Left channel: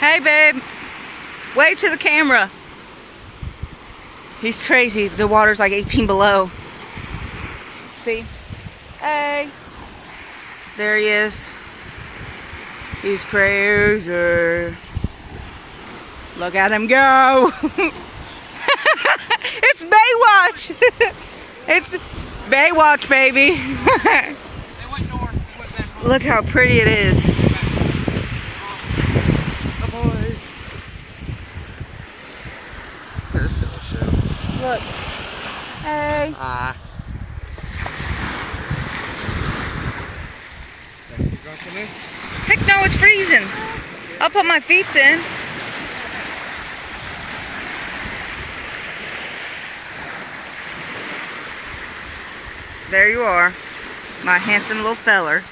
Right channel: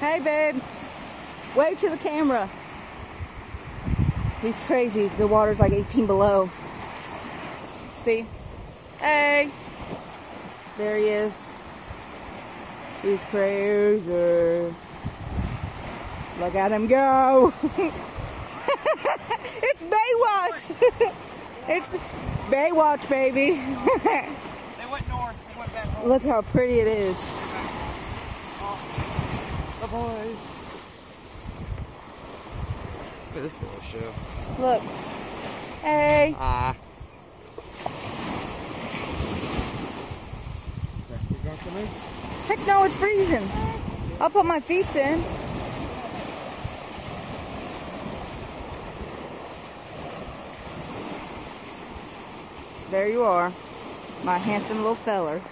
Hey, babe. Wave to the camera. He's crazy. The water's like 18 below. See? Hey. There he is. He's crazy. Look at him go. It's Baywatch. It's Baywatch, baby. They went north. They went back home. Look how pretty it is. The boys. Look at this little show. Look. Hey. You going to me? Heck no, it's freezing. I'll put my feet in. There you are, my handsome little feller.